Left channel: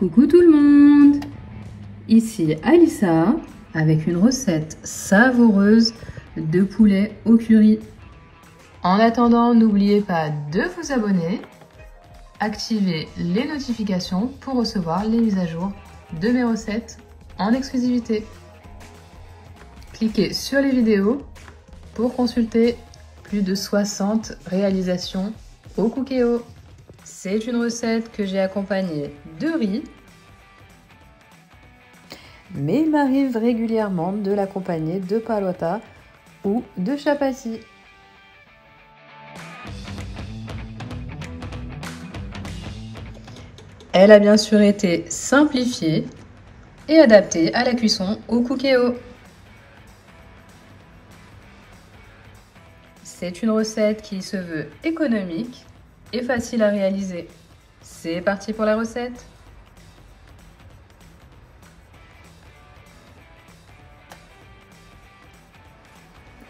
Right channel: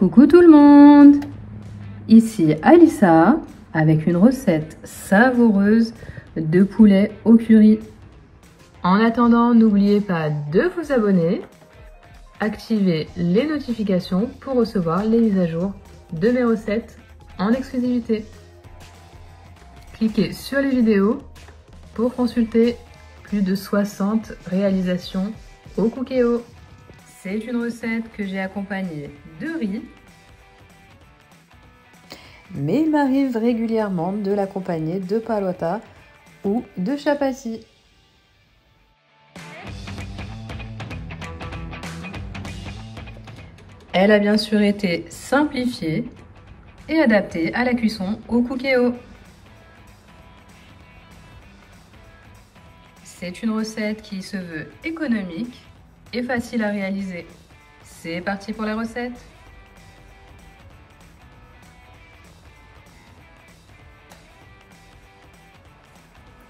Coucou tout le monde! Ici Alissa avec une recette savoureuse de poulet au curry. En attendant, n'oubliez pas de vous abonner, activer les notifications pour recevoir les mises à jour de mes recettes en exclusivité. Cliquez sur les vidéos pour consulter plus de 60 réalisations au Cookéo. C'est une recette que j'ai accompagnée de riz, mais il m'arrive régulièrement de l'accompagner de palota ou de chapati. Elle a bien sûr été simplifiée et adaptée à la cuisson au Cookéo. C'est une recette qui se veut économique et facile à réaliser. C'est parti pour la recette.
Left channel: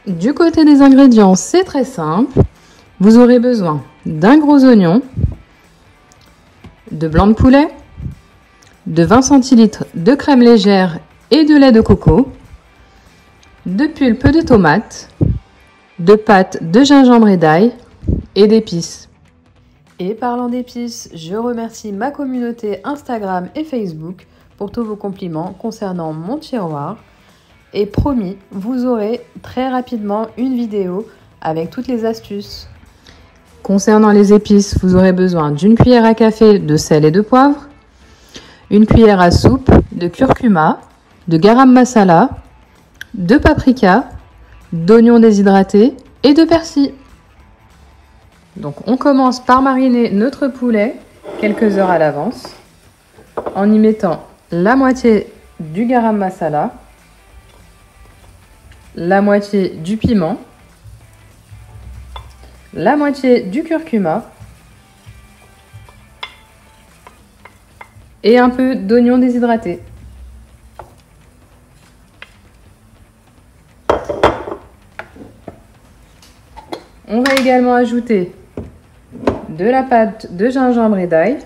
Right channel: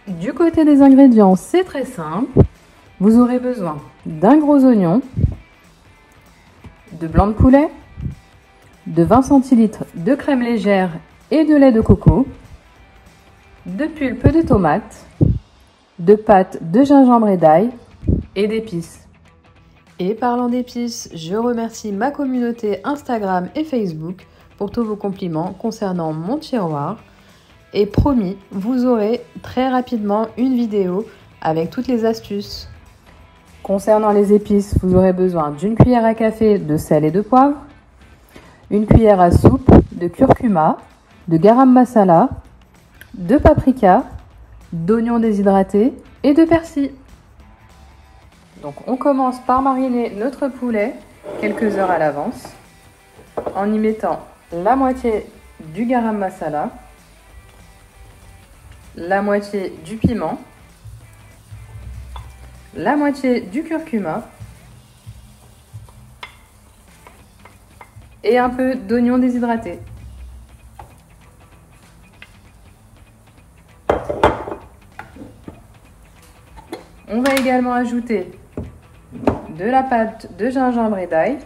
Du côté des ingrédients, c'est très simple. Vous aurez besoin d'un gros oignon, de blanc de poulet, de 20 centilitres de crème légère et de lait de coco, de pulpe de tomate, de pâte de gingembre et d'ail et d'épices. Et parlant d'épices, je remercie ma communauté Instagram et Facebook pour tous vos compliments concernant mon tiroir. Et promis, vous aurez très rapidement une vidéo avec toutes les astuces. Concernant les épices, vous aurez besoin d'une cuillère à café de sel et de poivre, une cuillère à soupe de curcuma, de garam masala, de paprika, d'oignons déshydratés et de persil. Donc on commence par mariner notre poulet quelques heures à l'avance en y mettant la moitié du garam masala, la moitié du piment, la moitié du curcuma et un peu d'oignons déshydratés. On va également ajouter de la pâte de gingembre et d'ail,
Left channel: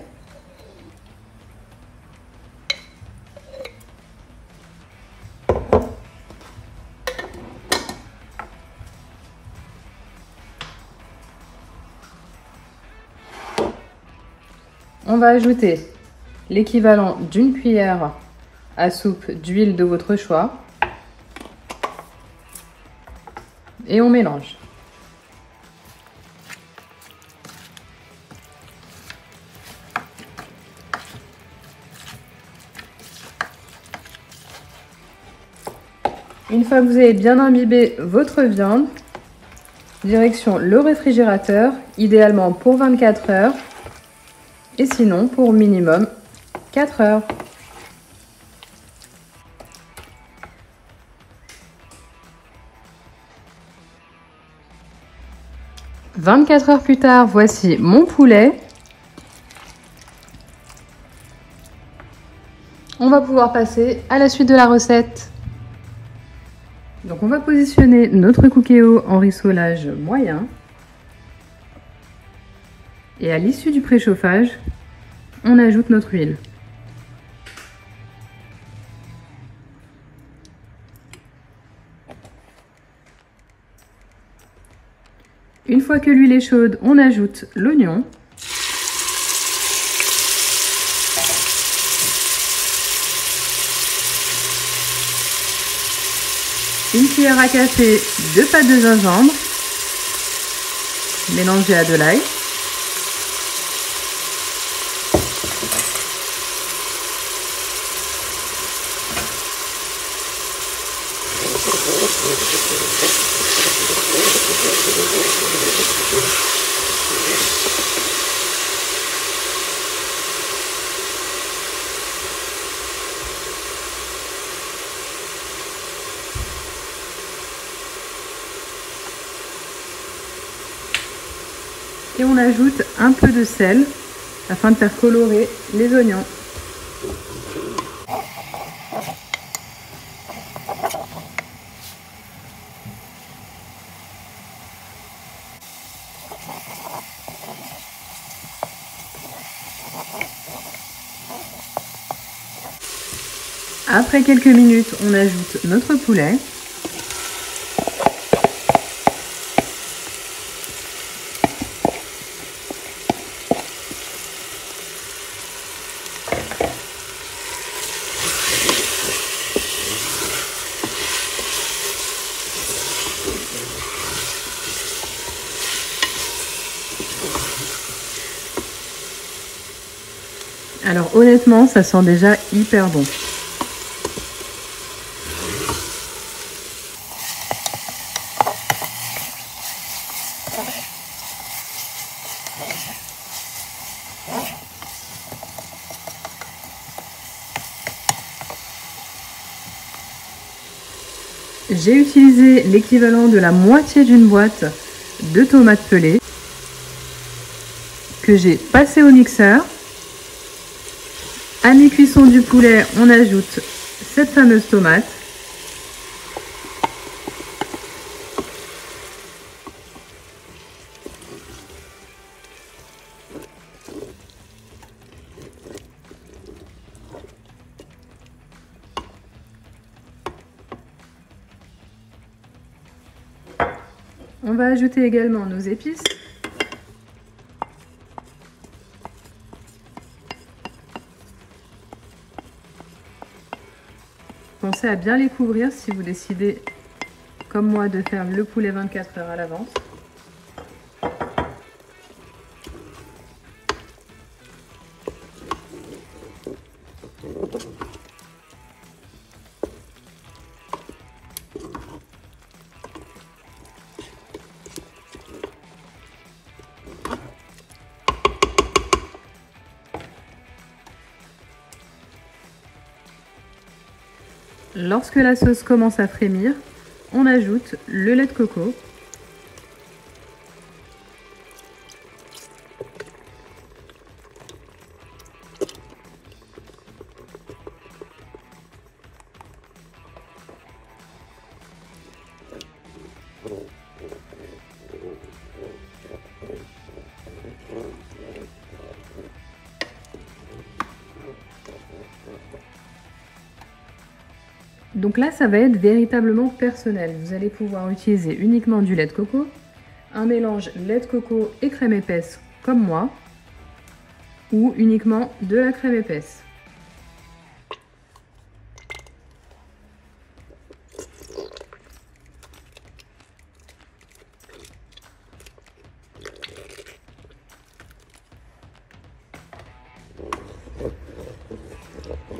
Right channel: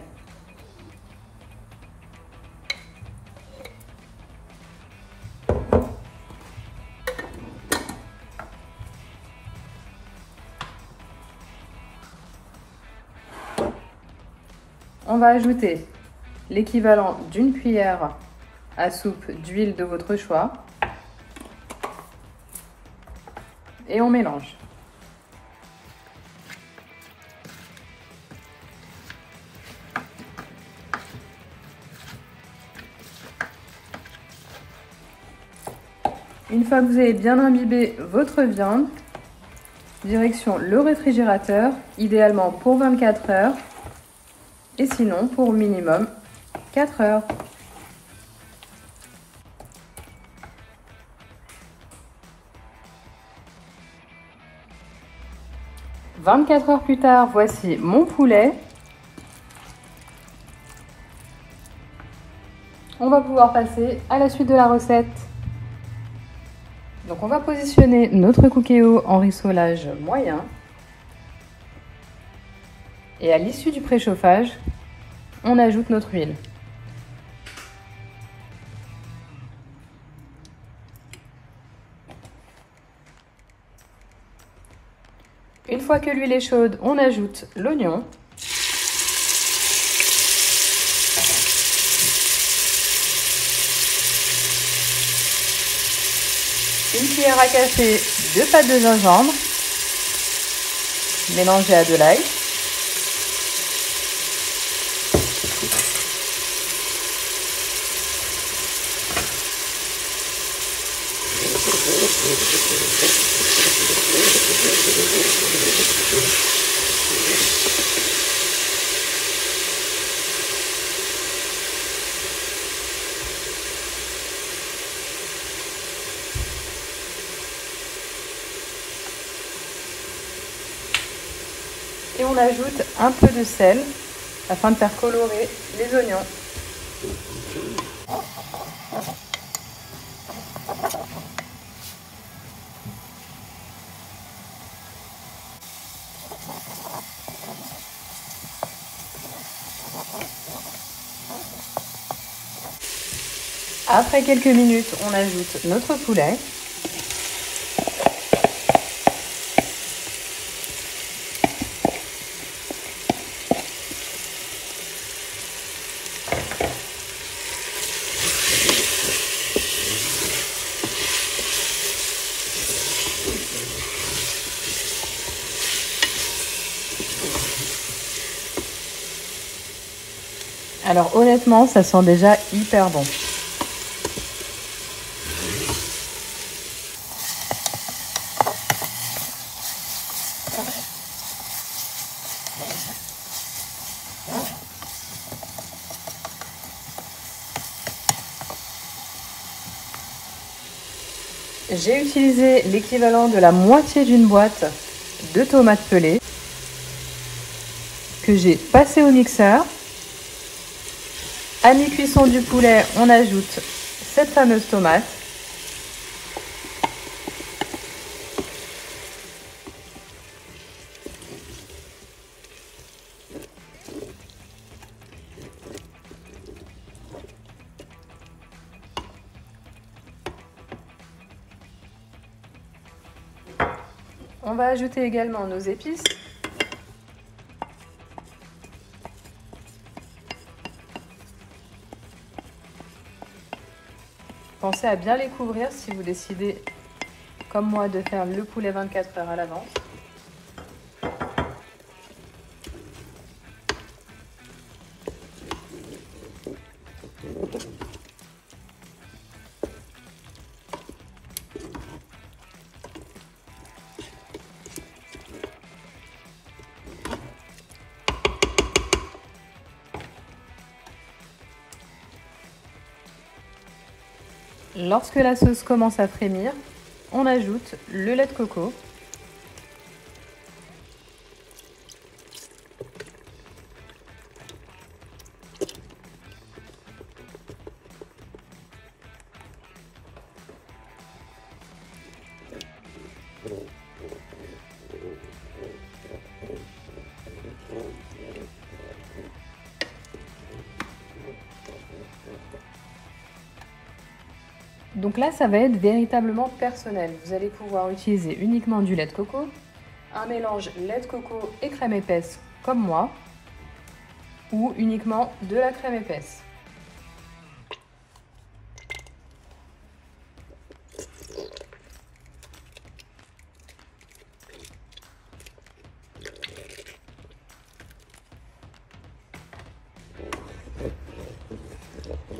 on va ajouter l'équivalent d'une cuillère à soupe d'huile de votre choix et on mélange. Une fois que vous avez bien imbibé votre viande, direction le réfrigérateur, idéalement pour 24 heures et sinon pour minimum 4 heures. « 24 heures plus tard, voici mon poulet. On va pouvoir passer à la suite de la recette. Donc on va positionner notre Cookéo en rissolage moyen. Et à l'issue du préchauffage, on ajoute notre huile. Une fois que l'huile est chaude, on ajoute l'oignon. Une cuillère à café de pâte de gingembre, mélangée à de l'ail. Et on ajoute un peu de sel afin de faire colorer les oignons. Après quelques minutes, on ajoute notre poulet. Alors honnêtement, ça sent déjà hyper bon. J'ai utilisé l'équivalent de la moitié d'une boîte de tomates pelées que j'ai passé au mixeur. À mi-cuisson du poulet, on ajoute cette fameuse tomate. On va ajouter également nos épices. Pensez à bien les couvrir si vous décidez, comme moi, de faire le poulet 24 heures à l'avance. Lorsque la sauce commence à frémir, on ajoute le lait de coco. Donc là, ça va être véritablement personnel. Vous allez pouvoir utiliser uniquement du lait de coco, un mélange lait de coco et crème épaisse comme moi, ou uniquement de la crème épaisse.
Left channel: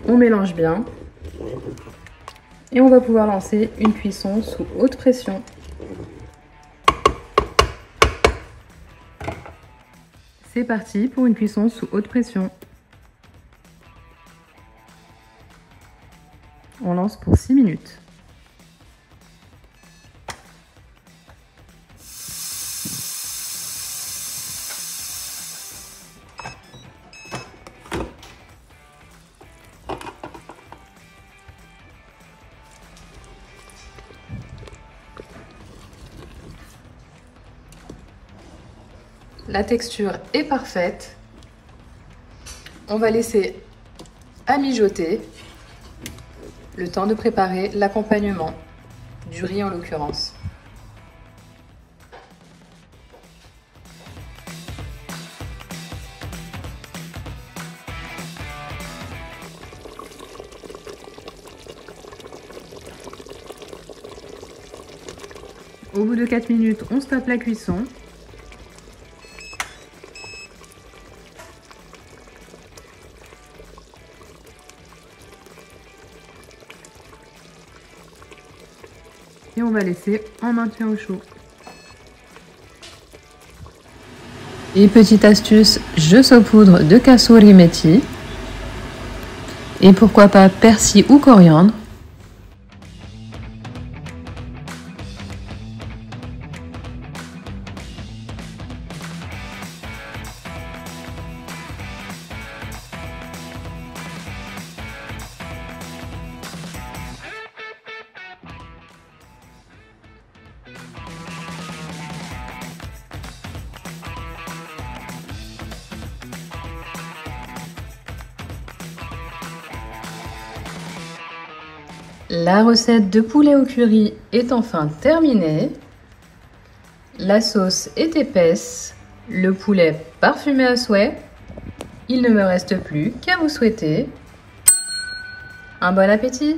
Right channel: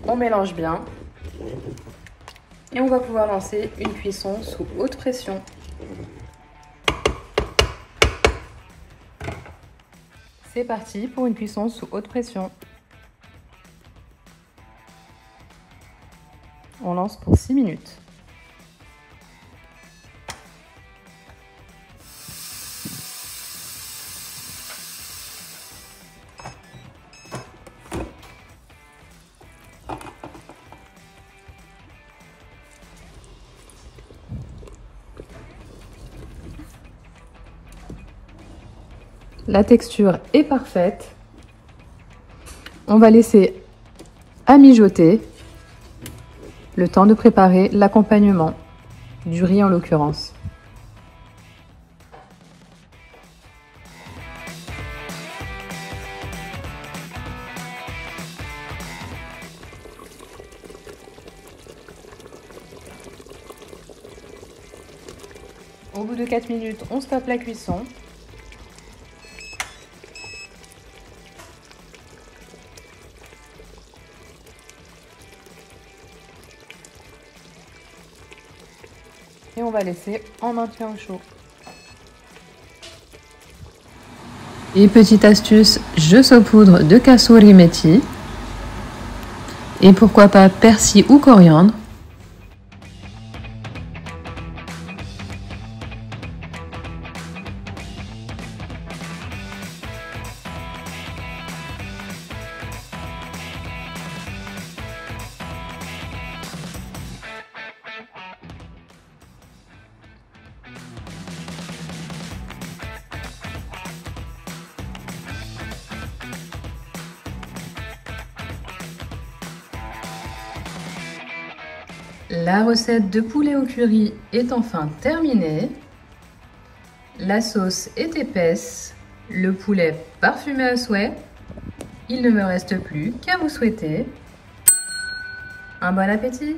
On mélange bien. Et on va pouvoir lancer une cuisson sous haute pression. C'est parti pour une cuisson sous haute pression. On lance pour 6 minutes. La texture est parfaite. On va laisser à mijoter le temps de préparer l'accompagnement du riz en l'occurrence. Au bout de 4 minutes, on stoppe la cuisson. Et on va laisser en maintien au chaud. Et petite astuce, je saupoudre de kassouri methi. Et pourquoi pas persil ou coriandre. La recette de poulet au curry est enfin terminée. La sauce est épaisse, le poulet parfumé à souhait. Il ne me reste plus qu'à vous souhaiter un bon appétit!